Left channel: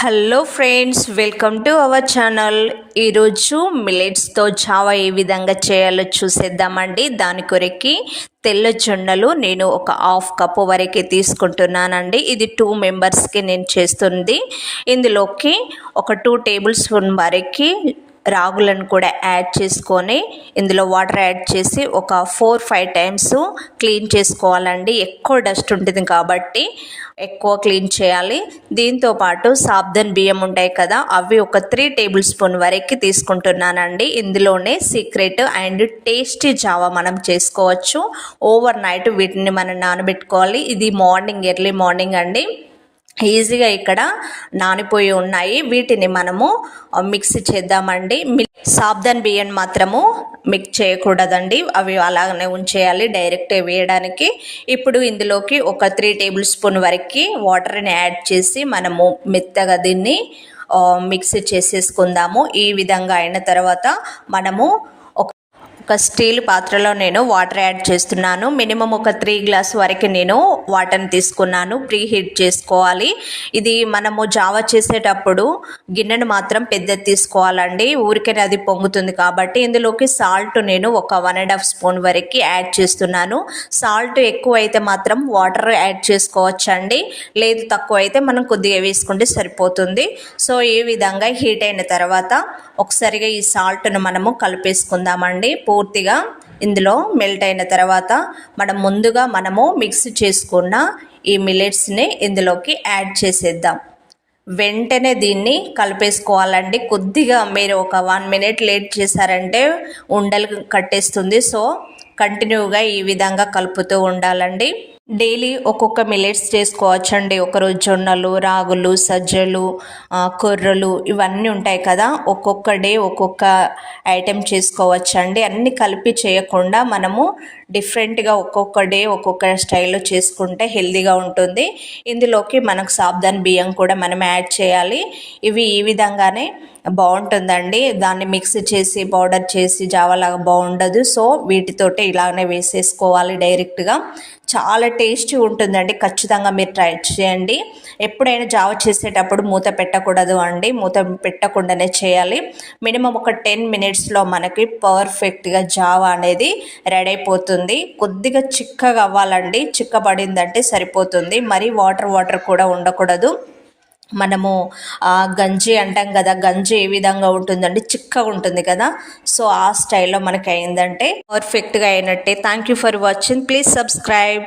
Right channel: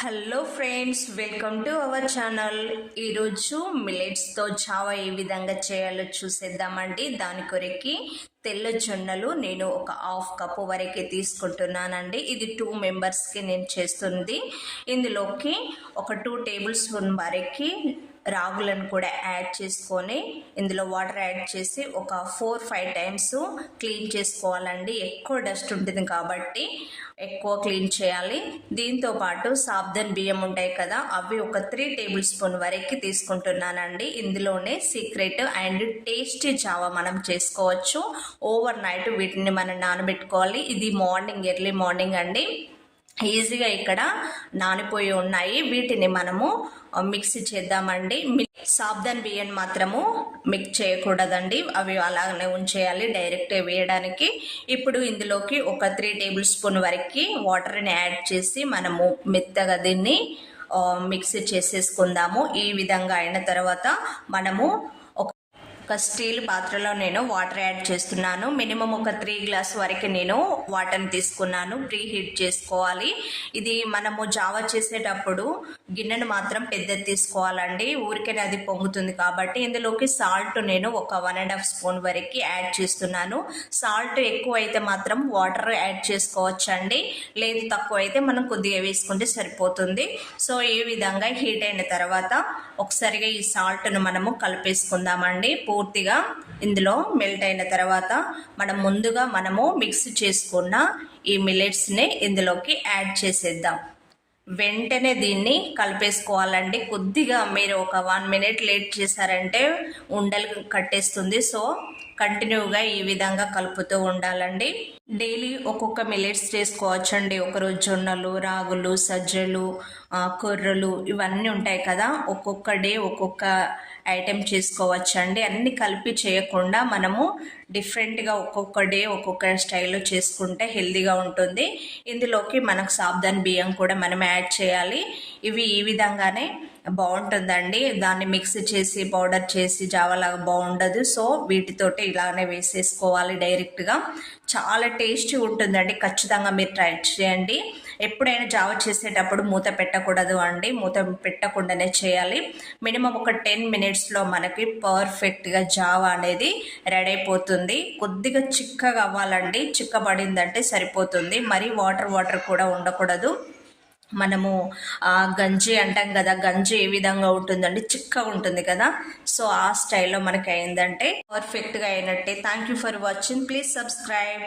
Hello friends, welcome to our channel. ఈరోజు మిల్లెట్స్తో Java ఏ విధంగా చేయాలో చూసేద్దామండి. దాని కొరకి తెల్ల జొన్నలు నేను ఒక హాఫ్ కప్పు వరకు తీసుకుంటున్నానండి. ఇది 2 మెంబర్స్కి నేను చేస్తుంది. ఇందులోకి ఒక 2 టేబుల్ స్పూన్ వరకు రాగులను కూడా యాడ్ చేసుకొని ఇందులో వాటర్ యాడ్ చేసి ఒక 4-5 టైమ్స్ క్లీన్ చేసుకోవాలండి. ఎక్కువ డస్ట్ ఉంటుంది కాబట్టి ఎక్కువ క్లీన్ చేయాలి. దీంతో పాటు సాబ్దన్ బియ్యం ఉంటాయి కదా, అవి ఒక 3 టేబుల్ స్పూన్ వరకు తీసుకుంటున్నానండి. ఇందులోనే సీక్రెట్ అండ్ టేస్టీ జావా మనం చేసుకోవచ్చు. ఓవర్ నైట్ వీటిని మనం నానబెట్టుకోవాలి. ఇది ఎర్లీ మార్నింగ్ అండి. ఈజీగా ఇక్కడ నానిపోయి ఉన్నాయి. వీటిని మనము మిక్స్ చేద్దామండి. సాబ్దన్ బియ్యం మాత్రము మిక్స్ చేయకూడదండి, అవి అలాగనే ఉంచేయాలి డైరెక్ట్ వేయడానికి. ఇప్పుడు ఇందులోకి ఒక 3 టేబుల్ స్పూన్ వరకు వాటర్ని యాడ్ చేసి మనము మెత్తగా దీన్ని మిక్స్ చేసేసుకుందాము. ఈ విధంగా అయిన తర్వాత మనము ఒక స్టీల్ పాత్రలో నేను వాటర్ యాడ్ చేస్తున్నాను. మినిమం ఒక 3 గ్లాస్ వరకు నేను వాటర్ని తీసుకున్నాను. ప్రీ హీట్ చేసుకోవాలి. ఇది మనము జావా చేసేటప్పుడు గిన్నెను మాత్రం పెద్దది తీసుకోవాలండి, ఊరికే అది పొంగుతుంది కాబట్టి. ఇందులోకి సాల్ట్ నేను ఒక 1.5 స్పూన్ వరకు యాడ్ చేస్తున్నాను. సాల్ట్ ఎక్కువ అయితే మాత్రం వాటర్ యాడ్ చేసుకోవచ్చండి, లేదు తక్కువ అయితే మనం కొద్దిగా వేసుకుంటే సరిపోతుంది. సో ఈ విధంగా హీట్ అయిన తర్వాత ఒకసారిగా ఈ సాల్ట్ను మనము కలిపేసుకుందామండి. పూర్తిగా ఇందులో మెల్ట్ అయిన తర్వాత మనము మిక్స్ చేసుకున్న ఈ మిల్లెట్స్ని ఇందులోకి యాడ్ చేసేద్దాం. వెంటనే దీన్ని కలిపేసుకోవాలండి. కొద్దిగా మీరు ఒక 1 మినిట్ లేట్ చేశారంటే ఉండలు కట్టేస్తుంది. సో కంటిన్యూగా ఈ విధంగా కలుపుతూ ఉండాలండి. డైలీ ఒక్కొక్క మిల్లెట్స్ చేసుకోవచ్చండి. ఒకరోజు జొన్నలు, రాగులు, సజ్జలు, కొర్రలు ఇవన్నీ ఉంటాయి కదా, ఒక్కొక్క డే ఒక్కొక్క ఐటెం చేసుకోవచ్చండి. అన్నీ కలిపి చేయకుండా మనము డిఫరెంట్గా ఒక్కొక్క డే ఒక్కొక్క స్టైల్లో చేసుకుంటే హెల్తీగా ఉంటుంది. ఇందులోకి మనకు సాబ్దన్ బియ్యం కూడా మనం యాడ్ చేయాలి. ఇవి ఈ విధంగానే బాగుంటుందండి. దాన్ని మిక్స్ చేసి పౌడర్ చేసి జావాలాగా బాగుండదు. సో వీటితోటి ఇలానే వేసేసుకోవాలి డైరెక్ట్గా. చాలా టేస్టీ ఉంటుందండి. ఖచ్చితంగా మీరు ట్రై చేయండి. ఎప్పుడైనా జావ చేసేటప్పుడు మూత పెట్టకూడదు అండి, మూత పెట్టకుండానే చేయాలి. మినిమం ఒక 10 మినిట్స్లో మనకి పర్ఫెక్ట్గా జావ అనేది రెడీ అయిపోతుంది. కొద్దిగా చిక్కగా అవ్వాలండి, చిక్కబడిందంటే సరిపోతుంది. మరి వాటర్ కూడా ఉండకూడదు. మనము గంజి అంటాం కదా, గంజి ఏ విధంగా ఉంటుందండి, చిక్కగా ఉంటుంది కదా. సో ఆ స్టైల్లో మనకి అయిందంటే పర్ఫెక్ట్గా అయినట్టే. Thank you for watching. Please subscribe.